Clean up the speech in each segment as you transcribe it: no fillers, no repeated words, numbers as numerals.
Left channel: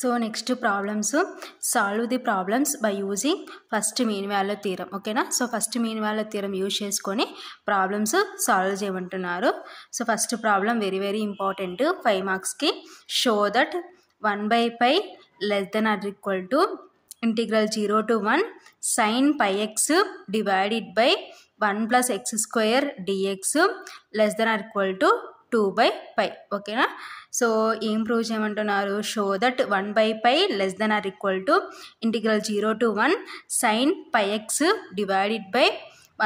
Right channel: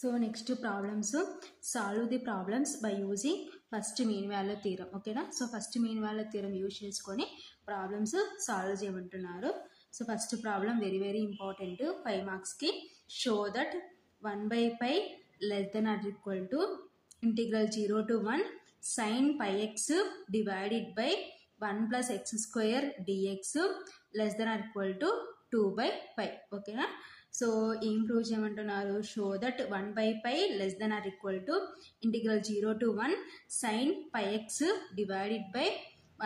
So next problems, solve the problems by using first mean value theorem. Okay na? So first mean value theorem use చేసుకొని problems solve చేయమంటున్నారు. So first problem very important 5 marks కి. Show that 1 by pi less than or equal to integral 0 to 1 sin pi x divided by 1 plus x square dx less than or equal to 2 by pi. Okay na? So ఏం prove చేయమంటున్నారు? Show that 1 by pi less than or equal to integral 0 to 1 sin pi x divided by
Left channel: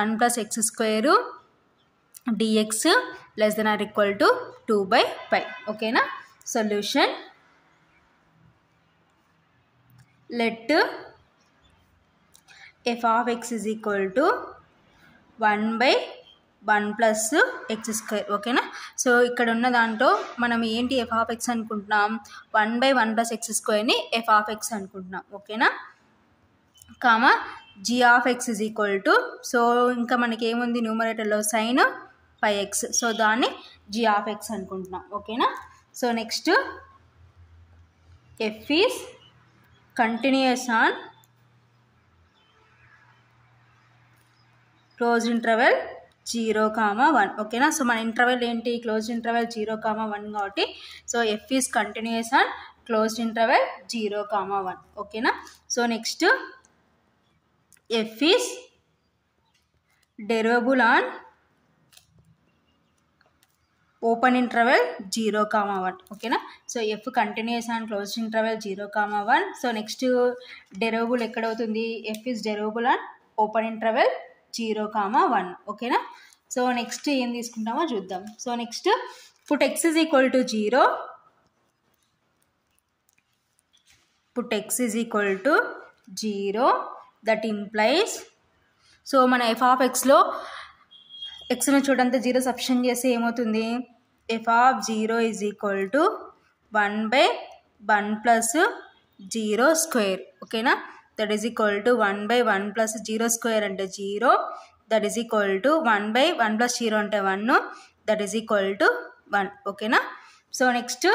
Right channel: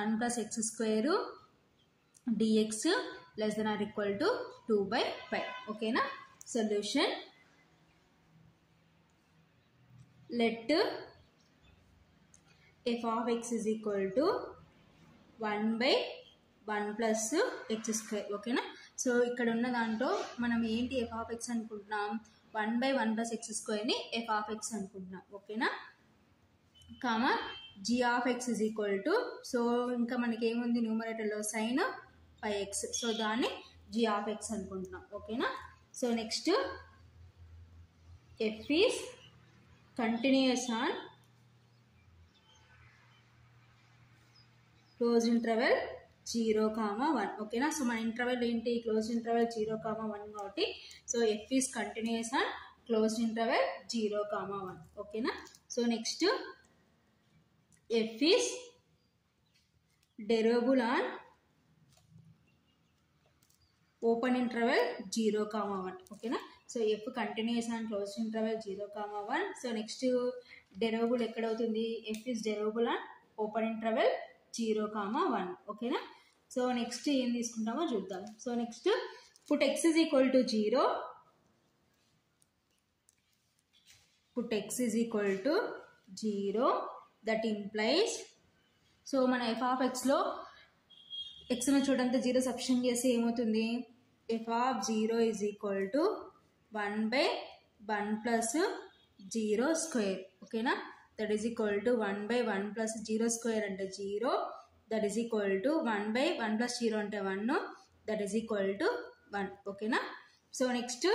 1 plus x square dx less than or equal to 2 by pi. ఓకేనా? Solution, let f of x is equal to 1 by 1 plus x square. ఓకేనా? So ఇక్కడ ఉన్న దాంట్లో మనం ఏంటి F of X అనుకుంటున్నాం? 1 by 1 plus x స్క్వేర్ని F of X అనుకుంటున్నాం. ఓకేనా? Comma G of X is equal to, so ఇంకా మనకి ఏముంది న్యూమరేటర్లో సైన్ పై ఎక్స్, సో దాన్ని జీ ఆఫ్ ఎక్స్ అనుకుంటున్నాం. ఓకేనా? So next F is continuous on close interval 0, 1. ఓకేనా? సో మన ఇంటర్వెల్ ఏంటి? క్లోజ్ ఇంటర్వెల్ 0, 1 కాబట్టి so F is continuous on closed interval 0, 1. ఓకేనా? So next F is derivable on open interval 0, 1. ఓకేనా? So F continuous on closed interval 0, 1. So next derivable ఎక్కడవుతుంది? F is derivable on open interval 0, 1. ఓకేనా? So next ఏం తీసుకుంటామో చూద్దాం. So next put x is equal to 0, put x is equal to 0, that implies, so మన F of ఎక్స్లో ఎక్స్ను చూడంతా 0 substitute చేస్తే ఏమవుతుంది? F of 0 is equal to 1 by 1 plus 0 square. ఓకేనా? That is equal to 1 by 1 plus 0 square అంటే 0, that is equal to 1 by 1 plus 0 అంటే 1, that is equal to 1. ఓకేనా? So next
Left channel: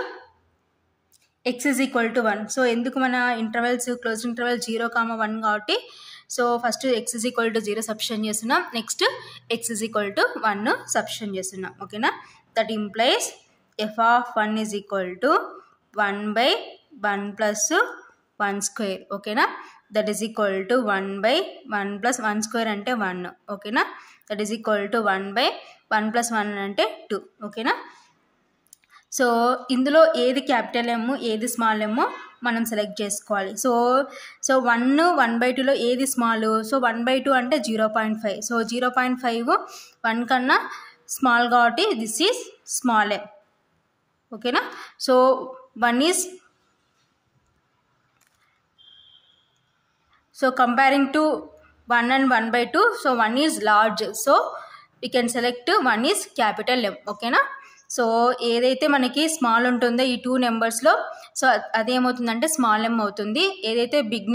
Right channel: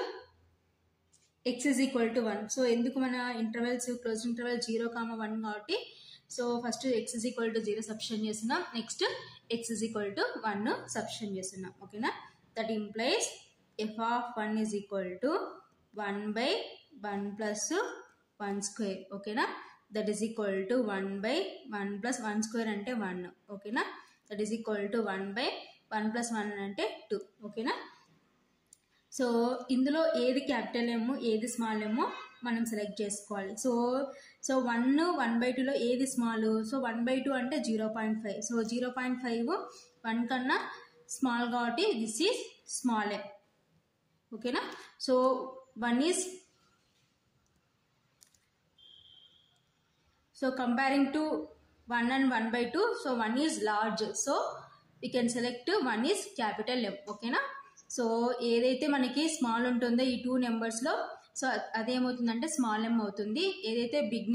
X is equal to 1. So ఎందుకు మన intervals close interval 0, 1 కాబట్టి so first X is equal to 0 substitute చేస్తున్నాం, next X is equal to 1 substitute చేస్తున్నాం. ఓకేనా? That implies F of 1 is equal to 1 by 1 plus 1 square. ఓకేనా? That is equal to 1 by 1 plus 1 square అంటే 1. ఓకేనా? That is equal to 1 by 1 plus 1 అంటే 2. ఓకేనా? So ఇందులో ఏది క్యాపిటల్ ఎమ్, ఏది స్మాల్ ఎమ్ మనం సెలెక్ట్ చేసుకోవాలి. సో 1/2లో ఏది స్మాల్? సో 1/2 అంటే 0.5. సో 0.5 1 కన్నా స్మాల్ కాబట్టి దిస్ ఈజ్ స్మాల్ ఎమ్. ఓకేనా? So 1 is, so comparing to 1 and 1/2, so 1 is large, so we can select 1 is capital M. ఓకేనా? సో ఏదైతే మనకి స్మాల్ ఉంటుందో ఈ 2 నెంబర్స్లో, సో అదేమవుతుందంటే స్మాల్ ఎమ్ అవుతుంది. ఏదైతే బిగ్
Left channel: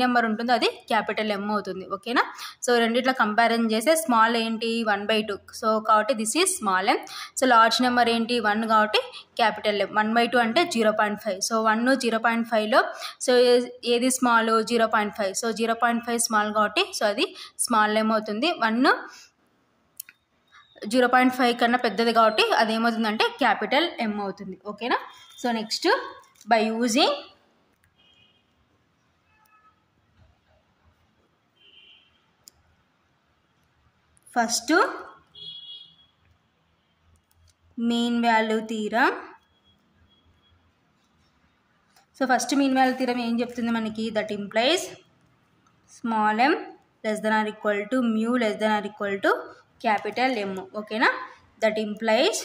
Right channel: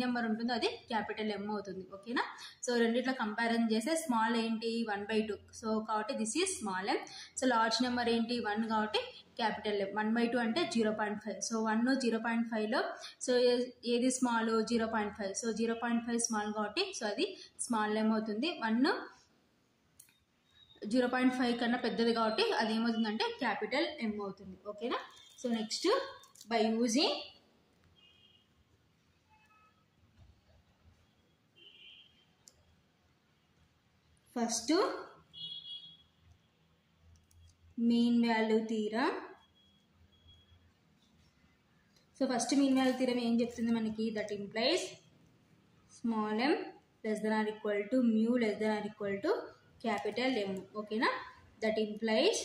నెంబర్ ఉంటుందో అది క్యాపిటల్ ఎమ్ అవుతుంది. ఓకేనా? సో రెండిట్లో కంపారిజన్ చేస్తే స్మాల్ ఏంటి? 1/2, సో కాబట్టి this is small M. So large number ఏంటి? 1 కాబట్టి క్యాపిటల్ ఎమ్. 1/2 అంటే 0.5. సో 1 0.5లో సో ఏది స్మాల్? 0.5. సో 0.5 స్మాల్ కాబట్టి సో అది స్మాల్ ఎమ్ అవుతుంది. 1 0.5 కన్నా పెద్దది కాబట్టి అదేమవుతుందంటే క్యాపిటల్ ఎమ్ అవుతుంది. ఓకేనా? So next by using first mean value theorem. So first mean value theorem ఏం చెప్తుంది మనకి? That implies small M less than or equal to mu less than or equal to capital M. ఓకేనా? That implies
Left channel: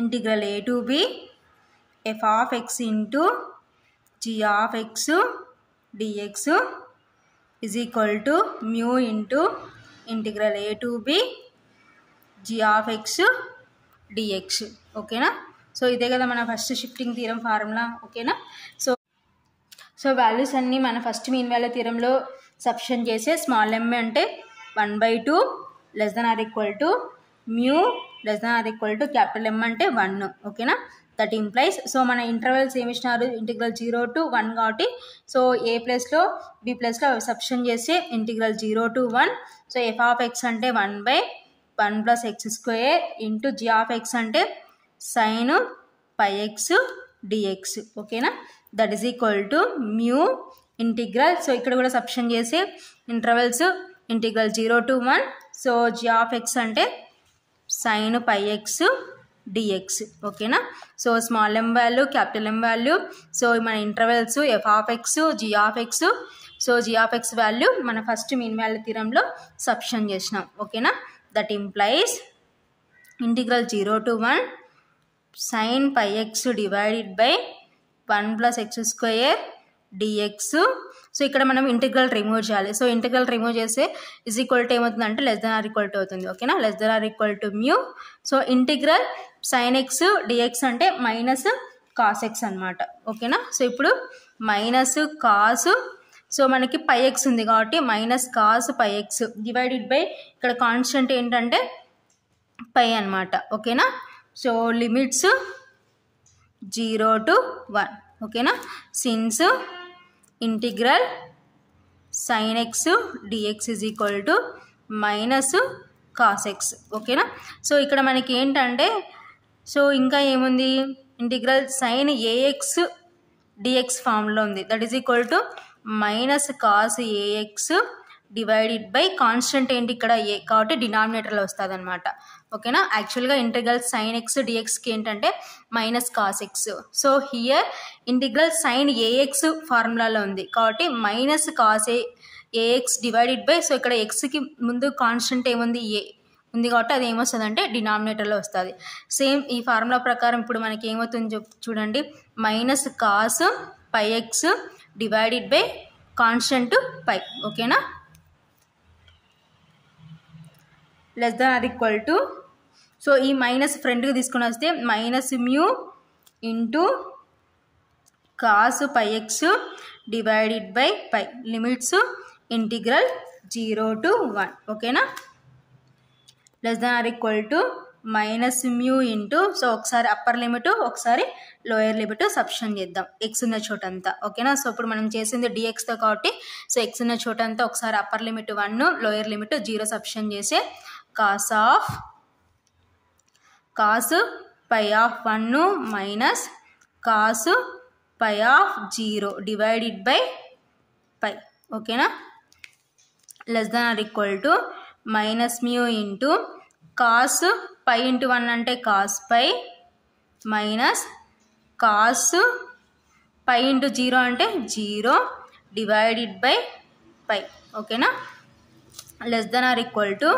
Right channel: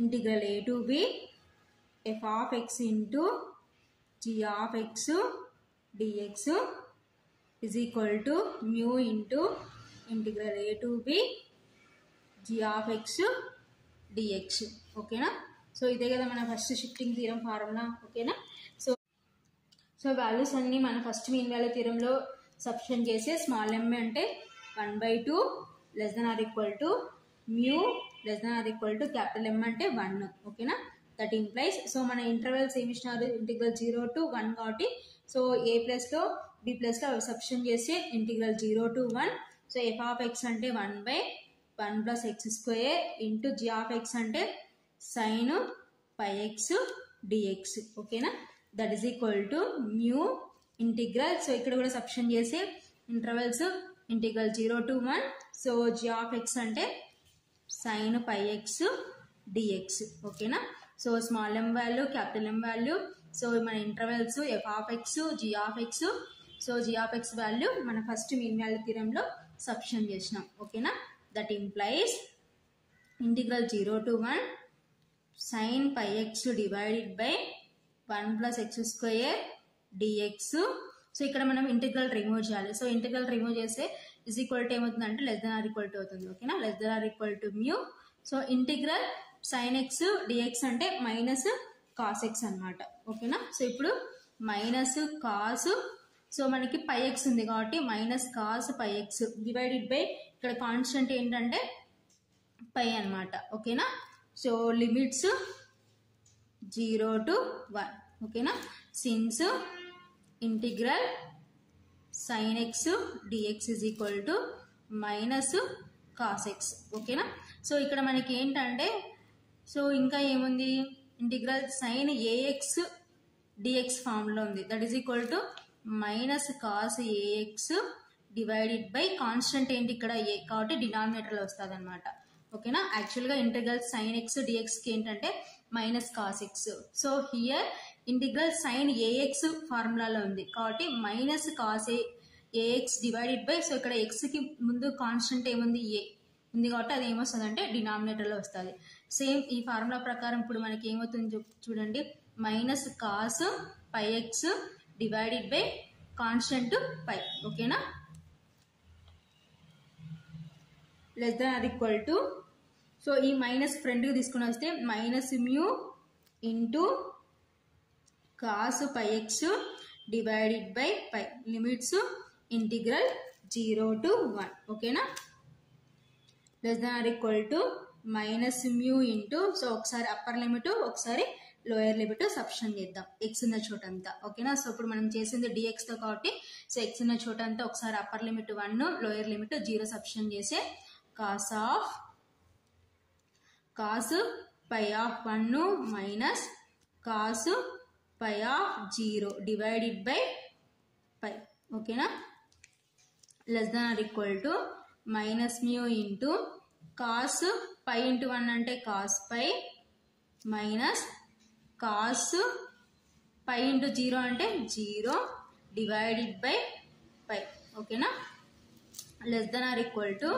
integral a to b f of x into g of x dx is equal to mu into integral a to b g of x dx. ఓకేనా? So ఇదే కదా మన first shifting theorem formula. ఓకేనా? So values అన్నీ మన first mean value థీరంలో substitute చేసే small M అంటే 1/2 less than or equal to mu less than or equal to capital M అంటే 1. ఓకేనా? దట్ ఇంప్లైస్ సో మన ఇంటర్వెల్స్ ఏమి ఇచ్చినారు ఇంటిగ్రల్ 0 to 1 కాబట్టి సో ఏ ప్లేస్లో బి ప్లేస్లో సబ్స్టిట్యూట్ చేసి integral 0 to 1 so F of X అంటే 1/1 plus X square into G of X అంటే సైన్ పై ఎక్స్ డిఎక్స్ ఓకేనా that is equal to mu integral so ఇక్కడ కూడా సబ్స్టిట్యూట్ చేసి intervals integral 0 to 1 so G of X అంటే sine pi X DX ఓకేనా so small M value capital M value so మన intervals F of X G of X so G of X value మన first mean value థియరంలో substitute చేసినాం ఓకేనా that implies integral 0 to 1 sine pi X divided by 1 plus X square DX so ఇక్కడ మనం integral remove చేయాలి so integral remove చేస్తే is equal to ఏమవుతుందంటే less than or equal to అవుతుంది ఓకేనా less than or equal to mu so integral sine X DX అంటే minus cos X అనమాట ఓకేనా సో ఇప్పుడు మైనస్ కాస్ సో మనకి పై ఎక్స్ ఉంది కాబట్టి minus cos pi X divided by ఇక్కడ కాన్స్టెంట్ ఏంటంటే పై అనమాట ఓకేనా సో లిమిట్స్ 0 to 1 ఓకేనా since integral sine X DX is equal to minus cos X ఓకేనా సో ఇక్కడ మనకి ఏంటంటే సో ఇంకా ఏముంది ఇంటిగ్రల్ సైన్ ఏఎక్స్ డిఎక్స్ ఫామ్లో ఉంది that is equal to minus cos AX divided by constant ఏంటి ఇక్కడ ఏ కాబట్టి డినామినేటర్లో వస్తుంది అనమాట ఓకేనా యాక్చువల్గా ఇంటిగ్రల్ సైన్ ఎక్స్ డిఎక్స్కి ఏంటంటే minus cos X so here integral sine AX ఫార్ములాలో ఉంది కాబట్టి minus cos AX divided by so ఇక్కడ ఎక్స్కి ముందు కాన్స్టెంట్ ఏముంది ఏ ఉంది కాబట్టి అది ఏమొస్తుంది అంటే డినామినేటర్లో వస్తుంది సేమ్ ఈ ఫార్ములా ప్రకారం ఇప్పుడు మనకి ఏమవుతుంది చూడండి minus cos pi X divided by constant pi ఓకేనా less than or equal to so ఈ మైనస్ ఫ్రంట్కి తీసుకొని వస్తే minus mu into cos pi X divided by pi limits integral 0 to 1 ఓకేనా less than or equal to minus mu into so ఒకసారి upper limit ఒకసారి lower limit substitute చేద్దాం X ఉన్న చోటంతా ఓకేనా సో ఇప్పుడు మనం చేసింది డిఎక్స్తో కాబట్టి సో ఎక్స్ ఉన్న చోటంతా ఒకసారి upper limit 1 lower limit 0 substitute చేసి cos pi of 1 minus cos pi of 0 divided by pi ఓకేనా less than or equal to minus mu into cos pi into 1 అంటే cos pi minus cos pi into 0 అంటే 0 divided by pi ఓకేనా less than or equal to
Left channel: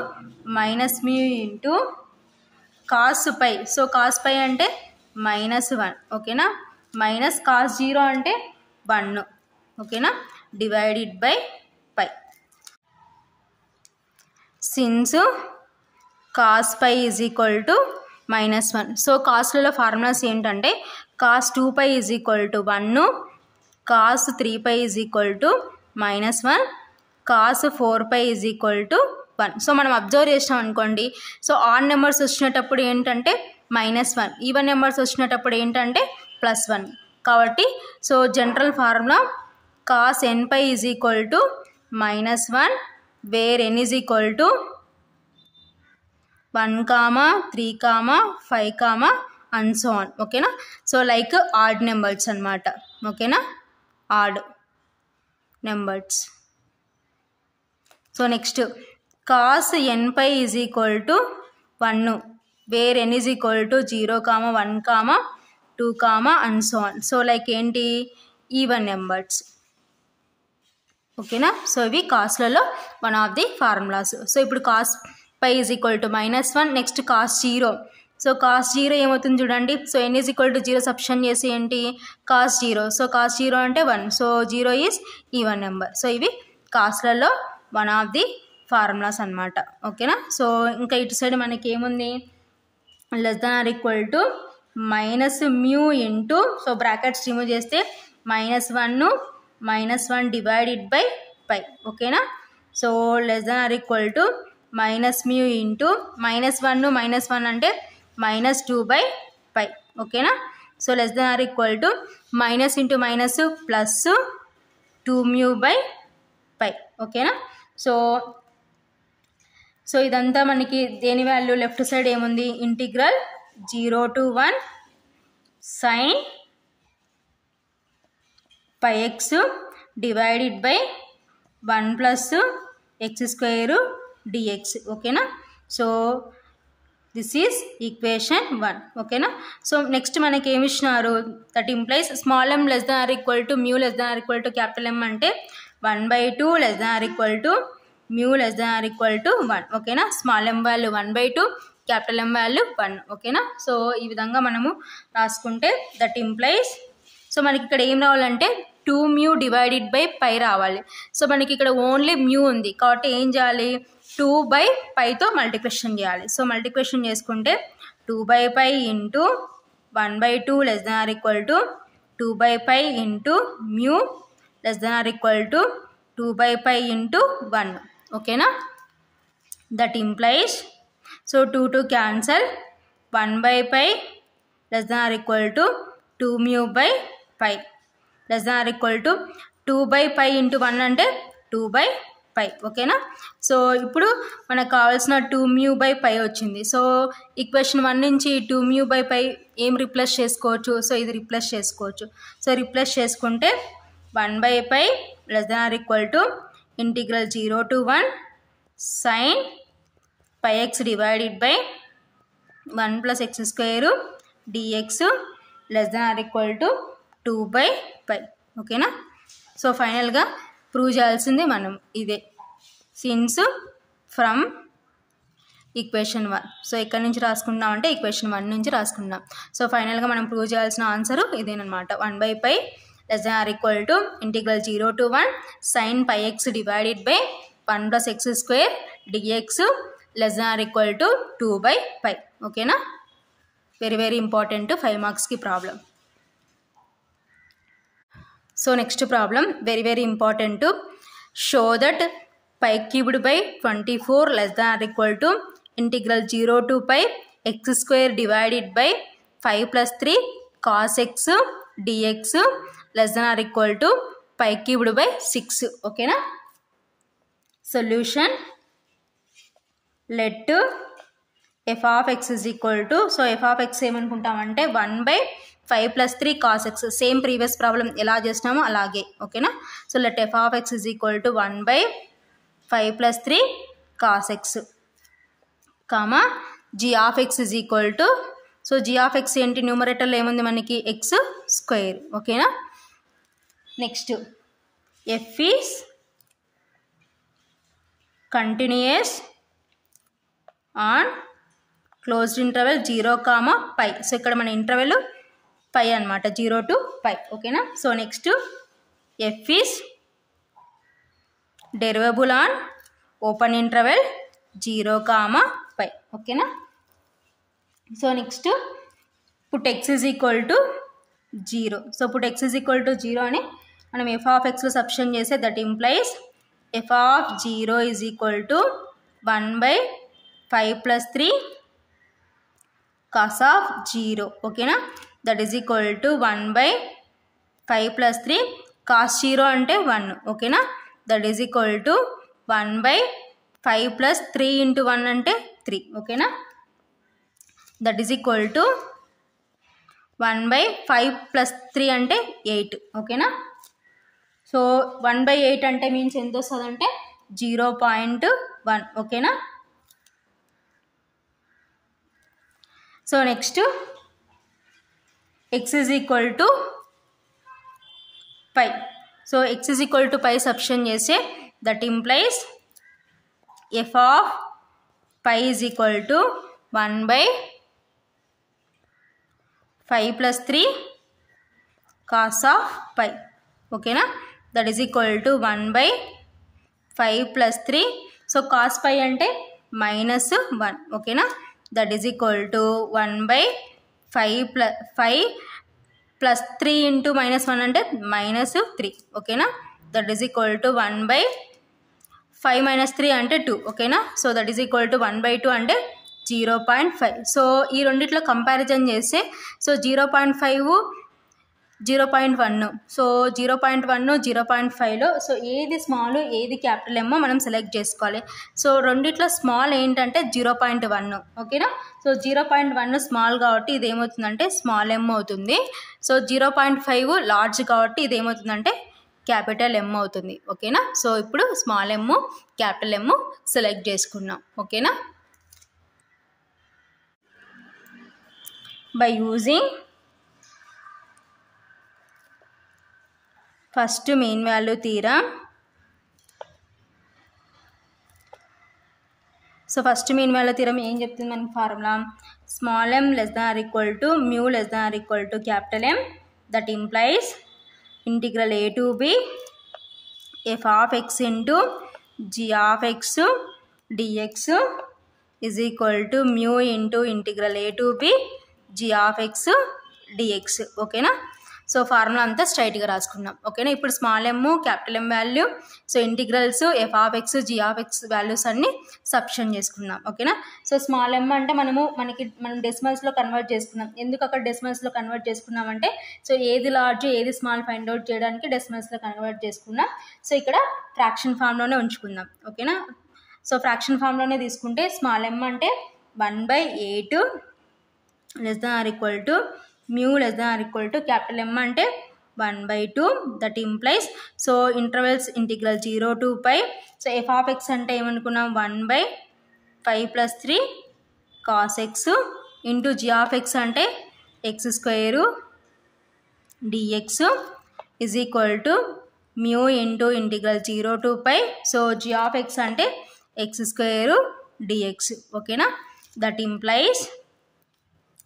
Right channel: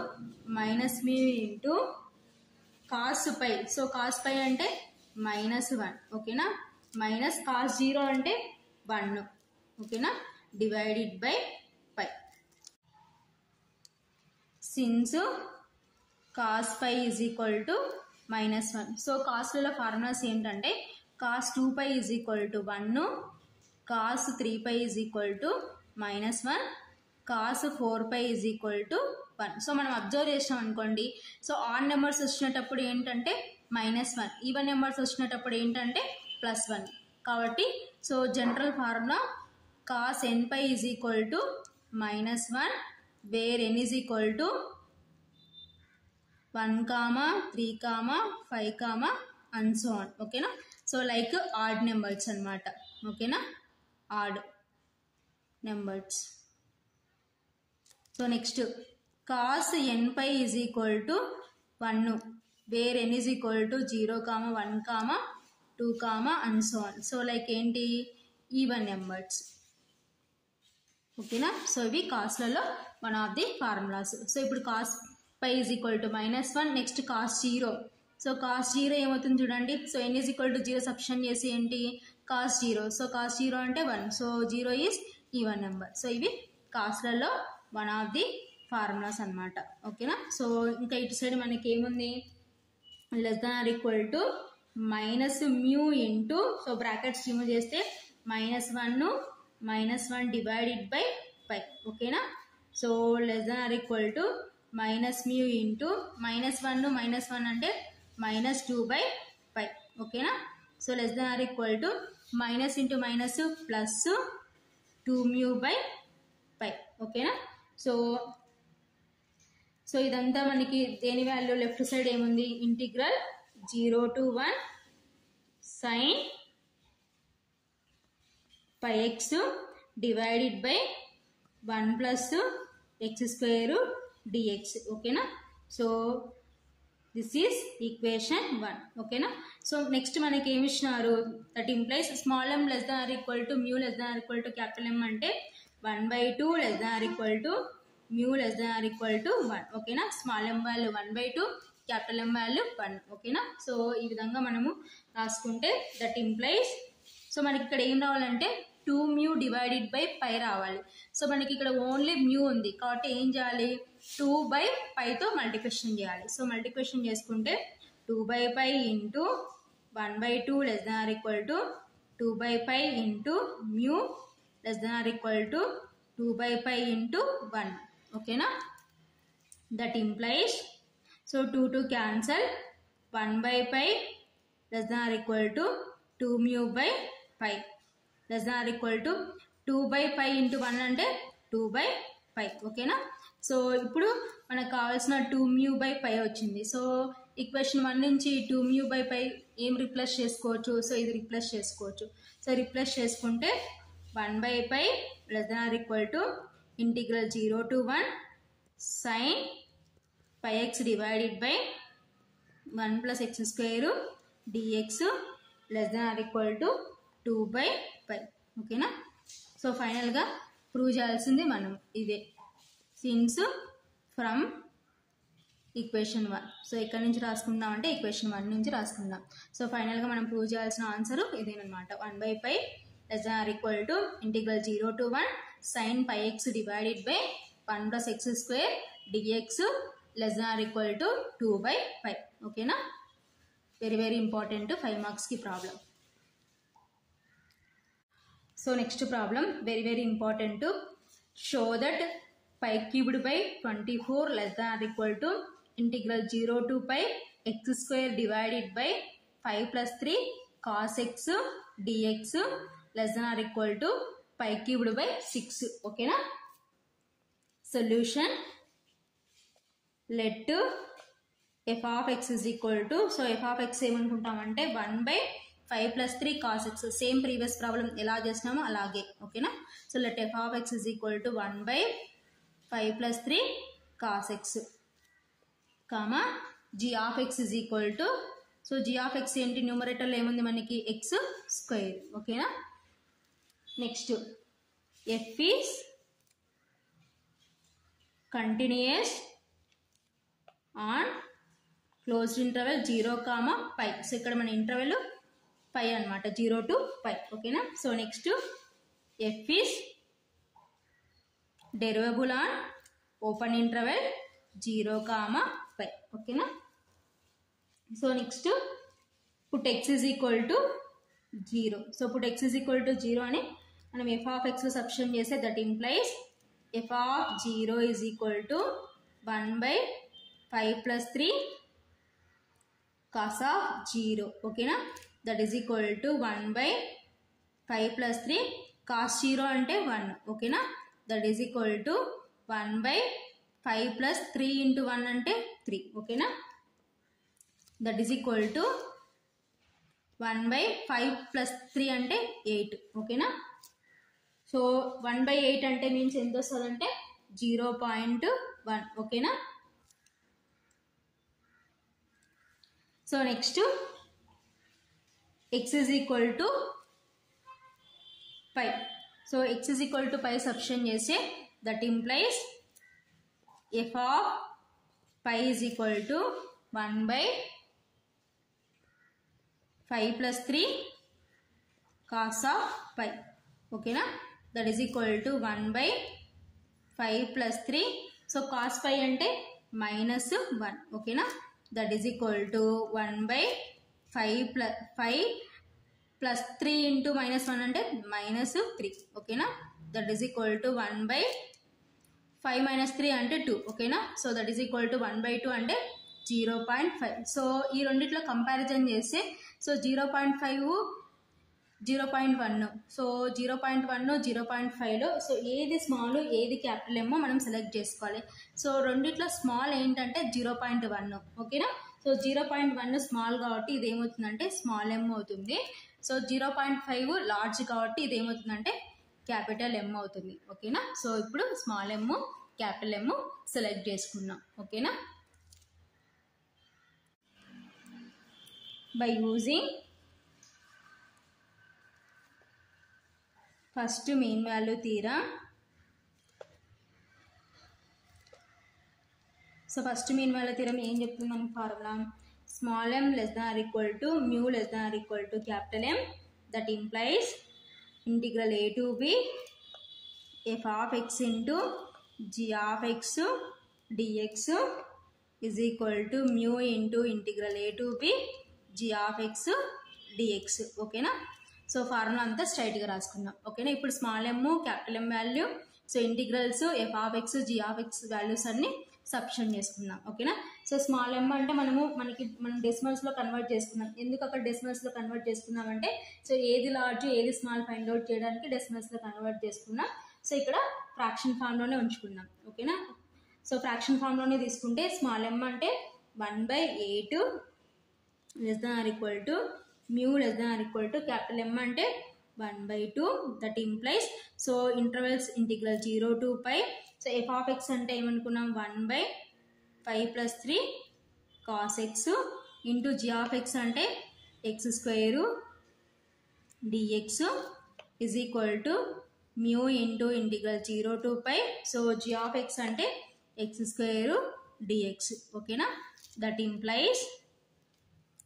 minus mu into cos pi so cos pi అంటే -1 ఓకేనా minus cos 0 అంటే 1 ఓకేనా divided by pi since cos pi is equal to -1 so కాస్లలో formulas ఏంటంటే cos 2π is equal to 1 cos 3π is equal to -1 cos 4π is equal to 1 so మనం observe చేసినాం అనుకోండి so odd numbers వచ్చినప్పుడు ఏంటంటే -1 ఈవెన్ నెంబర్స్ వచ్చినప్పుడు ఏంటంటే +1 కాబట్టి so general formula cos nπ is equal to -1 where n is equal to 1, 3, 5, and so on ఓకేనా so like odd numbers అన్నమాట ఓకేనా odd numbers so next cos nπ is equal to 1 where n is equal to 0, 1, 2, and so on so like ఏంటి even numbers ఓకేనా so ఇవి కాస్లలో one of the formulas so ఇప్పుడు cos π is equal to -1 next cos 0 so cos 0 ఏమవుతుంది చూడండి so n is equal to 0 substitute చేసి ఏంటి cos 0 so cos 0 అంటే 1 so 0 is even number so ఇవి కాస్లలో వన్ ఆఫ్ ది ఫార్ములాస్ అన్నమాట ఓకేనా సో ఇంకా ఇటు సైడ్ మనకి ఏముంది less than or equal to -μ into so brackets remove చేస్తే -1 డివైడెడ్ బై పై ఓకేనా so less than or equal to -μ into -1 అంటే -2/π ఓకేనా so less than or equal to minus into minus plus 2μ/π ఓకేనా. So ఇదంతా మనకి దేని వాల్యూ లెఫ్ట్ సైడ్ ఏముంది integral 0 to 1 sin πx divided by 1 plus x² dx ఓకేనా. So this is equation 1 ఓకేనా. So next మనకి ఏమి ఇచ్చినారు that implies small m less than or equal to mu less than or equal to capital M అంటే 1/2 less than or equal to mu less than or equal to 1 ఓకేనా. Small m value 1/2 capital M value 1 ఓకేనా. So ఈ విధంగా మనము రాసుకుంటే that implies so మనకి ఇక్కడ ఏం రావాలంటే 2μ డివైడెడ్ బై π రావాలి. సో మనకి ఇక్కడ ఓన్లీ మ్యూ ఉంది కాబట్టి ఏం చేయాలి 2/πతో మల్టిప్లికేషన్ చేయాలి. సో మల్టిప్లికేషన్ చేసుకుంటే 2/π into 1/2 less than or equal to 2/π into mu less than or equal to 2/π into 1 ఓకేనా. That implies so 2 cancel 1/π less than or equal to 2μ/π less than or equal to 2/π into 1 అంటే 2/π ఓకేనా. So ఇప్పుడు మనకు కావాల్సిన 2μ/π వచ్చింది. So equation 1 నుంచి 2μ/π ఏం replace చేసుకోవచ్చు సో ఇది రిప్లేస్ చేసుకోవచ్చు. సో రిప్లేస్ చేసుకుంటే 1/π less than or equal to integral 0 to 1 sin πx divided by 1 plus x² dx less than or equal to 2/π ఓకేనా. సో ఫైనల్గా ప్రూవ్ చేయాల్సింది మనం ఇదే సిన్స్ ఫ్రమ్ ఈక్వేషన్ 1. సో ఎక్కడి నుంచి రాసుకుంటున్నాం అంటే ఈక్వేషన్ 1 నుంచి రాసుకుంటున్నాం. సో ఫైనల్గా మనం ప్రూవ్ చేయాల్సిన ఆన్సర్ ఇదేనమాట 1/π less than or equal to integral 0 to 1 sin πx divided by 1 plus x² dx less than or equal to 2/π ఓకేనా. వెరీ వెరీ ఇంపార్టెంట్ 5 మార్క్స్కి problem. So next problem very very important. Show that π cubed by 24 less than or equal to integral 0 to π x² divided by 5 plus 3 cos x dx less than or equal to π cubed by 6 ఓకేనా. Solution let f of x is equal to so f of x ఏమనుకుంటామంటే 1/5 plus 3 cos x same previous problem ఎలా చేసినామో అలాగే ఓకేనా. So let f of x is equal to 1/5 plus 3 cos x comma g of x is equal to so g of x ఏంటి numerator ఏముంది మనకి x² ఓకేనా. Next f is continuous on closed interval 0, π. So ఇక్కడ మన interval π అనమాట 0 to π ఓకేనా. So next f is derivable on open interval 0, π ఓకేనా. So next put x is equal to 0. So put x is equal to 0 అని మనం f of xలో substitute చేస్తే that implies f of 0 is equal to 1/5 plus 3 cos of 0 ఓకేనా. That is equal to 1/5 plus 3 cos 0 అంటే 1 ఓకేనా. That is equal to 1/5 plus 3 into 1 అంటే 3 ఓకేనా. That is equal to 1/5 plus 3 అంటే 8 ఓకేనా. సో 1/8 అంటే means ఎంత వస్తుంది అంటే 0.1 ఓకేనా. So next x is equal to π. So x is equal to π substitute చేస్తే that implies f of π is equal to 1/5 plus 3 cos of π ఓకేనా. That is equal to 1/5 plus 3 so cos π అంటే -1 ఓకేనా. That is equal to 1/5 plus 3 into -1 అంటే -3 ఓకేనా. That is equal to 1/5 - 3 అంటే 2 ఓకేనా. So that is equal to 1/2 అంటే 0.5. So ఈ రెండిట్లో కంపారిజన్ చేస్తే సో 0.5 0.1 సో 0.1 0.5లో సో ఏది స్మాల్ ఏది క్యాపిటల్ ఎమ్మో మనం సెలెక్ట్ చేసుకోవాలి. సో రెండిట్లో స్మాల్ ఏంటంటే 0.1 ఓకేనా. సో 0.1 స్మాల్ కాబట్టి ఇది ఏమవుతుందంటే స్మాల్ ఎమ్ అవుతుంది. సో 0.5 లార్జ్ కాబట్టి ఇది ఏమవుతుందంటే క్యాపిటల్ ఎమ్ అవుతుంది ఓకేనా. సో ఇప్పుడు స్మాల్ ఎమ్ క్యాపిటల్ ఎమ్ సెలెక్ట్ చేసుకున్నాం ఓకేనా. By using first mean value theorem. So first mean value theorem ఏం చెప్తుంది మనకి formula, small m less than or equal to mu less than or equal to capital M, that implies integral a to b f of x into g of x dx is equal to mu into integral a to b g of x dx ఓకేనా. So formula అంతా స్ట్రైట్గా రాసుకున్నాం ఓకేనా. ఇప్పుడు small M capital M value so integrals F of X G of X values అన్ని substitute చేసుకున్నాం ఓకేనా. So small M అంటే మనం డెసిమల్స్లో కన్వర్ట్ చేసుకున్నాం. ఎందుకు అక్కడ డెసిమల్స్లో కన్వర్ట్ చేసుకున్నామంటే సో ఏది లార్జ్ ఏది స్మాల్ ఫైండ్ అవుట్ చేయడానికి డెసిమల్స్లో కన్వర్ట్ చేసుకున్నాం. సో ఇక్కడ ఫ్రాక్షన్ ఫామ్లోనే ఉంచుకుందాం ఓకేనా. సో ఫ్రాక్షన్ ఫామ్లోనే తీసుకుంటే స్మాల్ ఎమ్ అంటే 1/8 less than or equal to mu less than or equal to capital M అంటే 1/2 that implies so intervals integral 0 to pi. So f of x అంటే ఏమనుకున్నాం 1/5 + 3 cos x into g of x అంటే x² dx is equal to mu into integral 0 to pi. So g of x అంటే x² dx ఓకేనా. That implies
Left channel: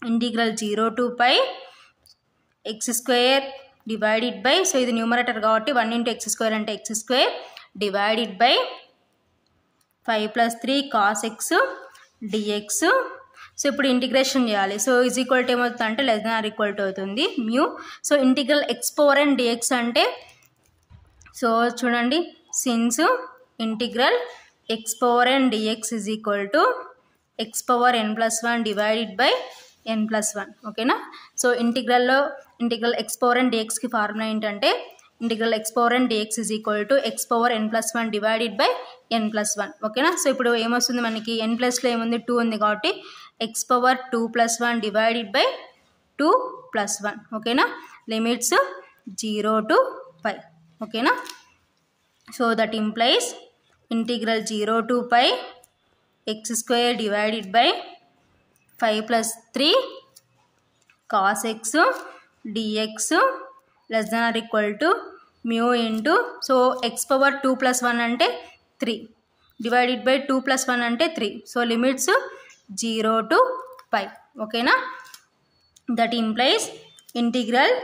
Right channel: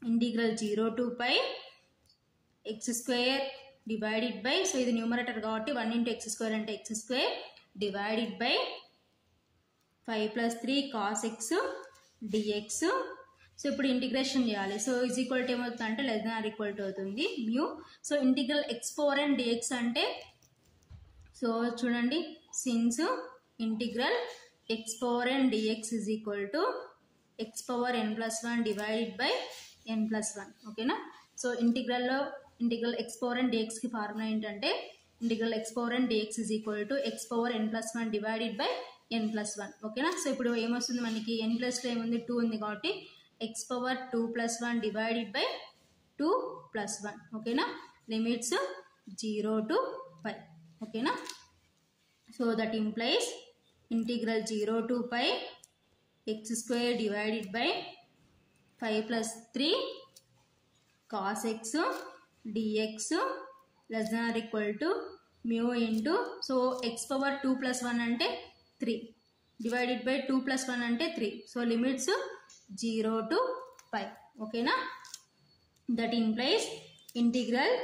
integral 0 to pi x² divided by so ఇది numerator కాబట్టి 1 × x² అంటే x² divided by 5 + 3 cos x dx. So ఇప్పుడు integration చేయాలి. So is equal to ఏమవుతుంది అంటే less than or equal to అవుతుంది mu. So integral x⁴n dx అంటే సో చూడండి since integral x⁴n dx is equal to x⁴n+1 divided by n+1 ఓకేనా. So integral x⁴n dxకి formula ఏంటంటే integral x⁴n dx is equal to x⁴n+1 divided by n+1 ఓకేనా. So ఇప్పుడు ఏమొస్తుంది మనకి n+లో ఏముంది 2 ఉంది కాబట్టి x⁴2+1 డివైడెడ్ బై 2+1 ఓకేనా. లిమిట్స్ 0 to pi ఓకేనా. So that implies integral 0 to pi x² divided by 5 + 3 cos x dx less than or equal to mu into so x⁴2+1 అంటే 3 డివైడెడ్ బై 2+1 అంటే 3. సో లిమిట్స్ 0 to pi ఓకేనా. That implies integral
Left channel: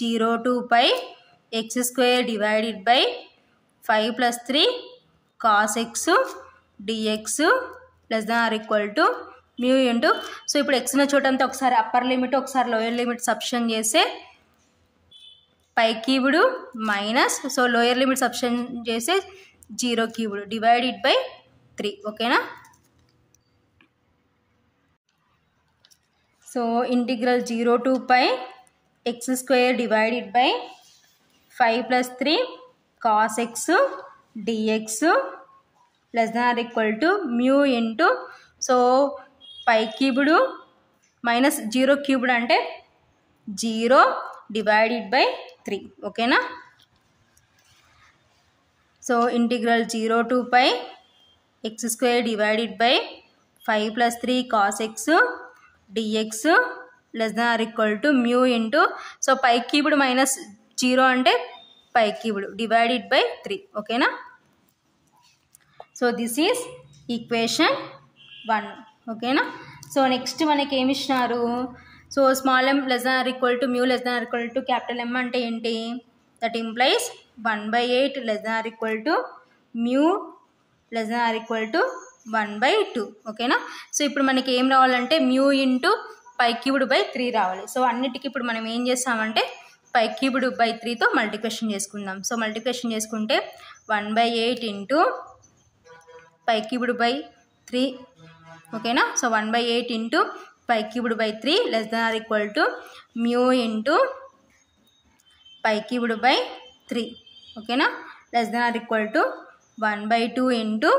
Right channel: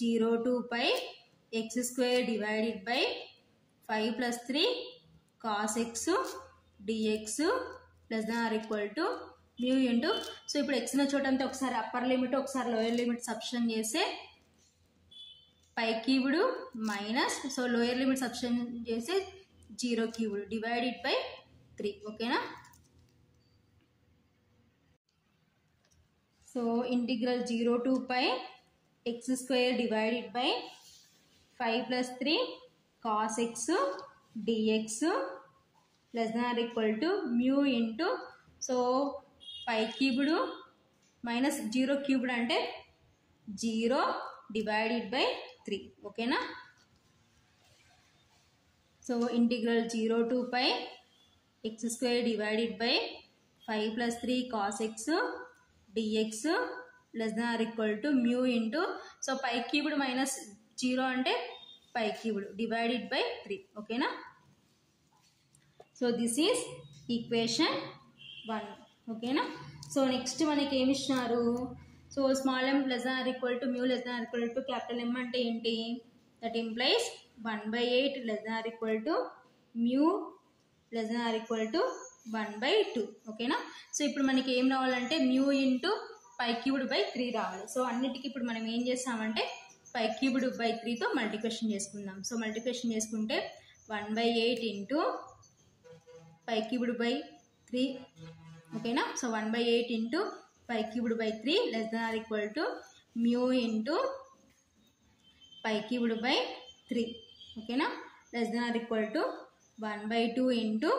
0 to pi x² divided by 5 + 3 cos x dx less than or equal to mu into so ఇప్పుడు ఎక్స్న చూడంతా ఒకసారి upper limit ఒకసారి lower limit substitution చేస్తే π³ minus so lower limit substitution చేస్తే 0³ divided by 3 ఓకేనా. So integral 0 to pi x² divided by 5 + 3 cos x dx less than or equal to mu into so π³ minus 0³ అంటే 0 divided by 3 ఓకేనా. So integral 0 to pi x² divided by 5 + 3 cos x dx less than or equal to mu into so π³ minus 0 అంటే π³ divided by 3 ఓకేనా. So this is equation 1 ఓకేనా. So next మనకి ఏమి ఇచ్చినారు so small m less than or equal to mu less than or equal to capital M అంటే ఏంటి that implies 1/8 less than or equal to mu less than or equal to 1/2 ఓకేనా. So ఇప్పుడు మనకి ఏం రావాలంటే mu ఇంటూ π³ బై 3 రావాలి. So అన్నిటికీ ఇప్పుడు మనం ఏం చేస్తామంటే π³ బై 3తో మల్టిప్లికేషన్ చేసుకుందాం. సో మల్టిప్లికేషన్ చేసుకుంటే 1/8 ఇంటూ π³ బై 3 ఓకేనా. So 1/8 into pi cubed by 3 less than or equal to mu into pi cubed by 3 ఓకేనా, less than or equal to 1/2 into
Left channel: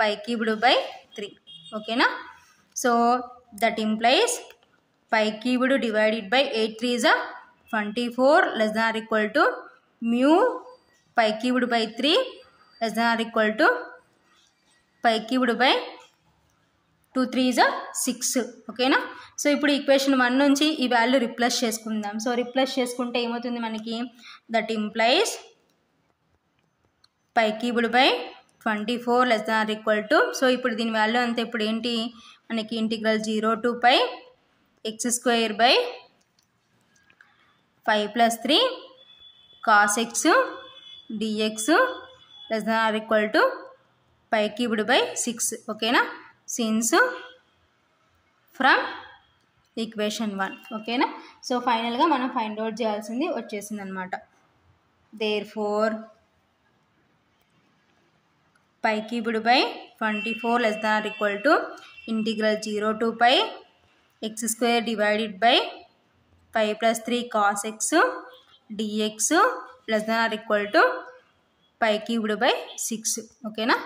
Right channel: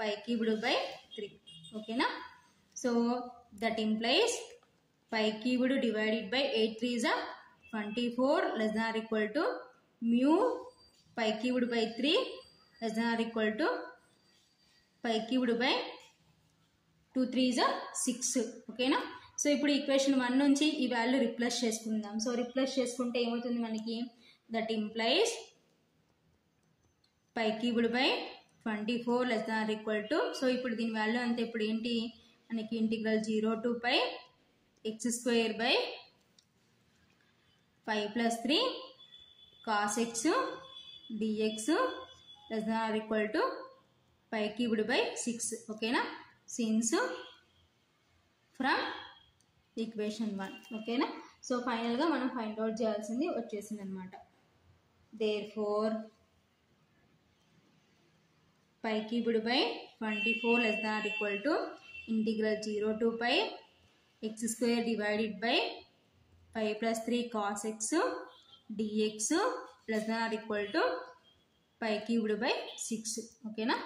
pi cubed by 3 ఓకేనా. So that implies pi cubed divided by 8 3 is 24 less than or equal to mu pi cubed by 3 less than or equal to pi cubed by 2 3 is 6 ఓకేనా. So ఇప్పుడు equation 1 నుంచి ఈ value replace చేసుకుందాం. So replace చేసుకుంటే ఏమవుతుంది మనకి, that implies pi cubed by 24 less than or equal to, so ఇప్పుడు దీని వాల్యూ అంతా ఇప్పుడు ఏంటి మనకి integral 0 to pi x square by 5 + 3 cos x dx less than or equal to pi cubed by 6 ఓకేనా, సిన్స్ ఫ్రమ్ ఈక్వేషన్ 1 ఓకేనా. So ఫైనల్గా మనం ఫైండ్ అవుట్ చేయాల్సింది వచ్చేసింది అనమాట. Therefore pi cubed by 24 less than or equal to integral 0 to pi x square divided by 5 + 3 cos x dx less than or equal to pi cubed by 6 ఓకేనా.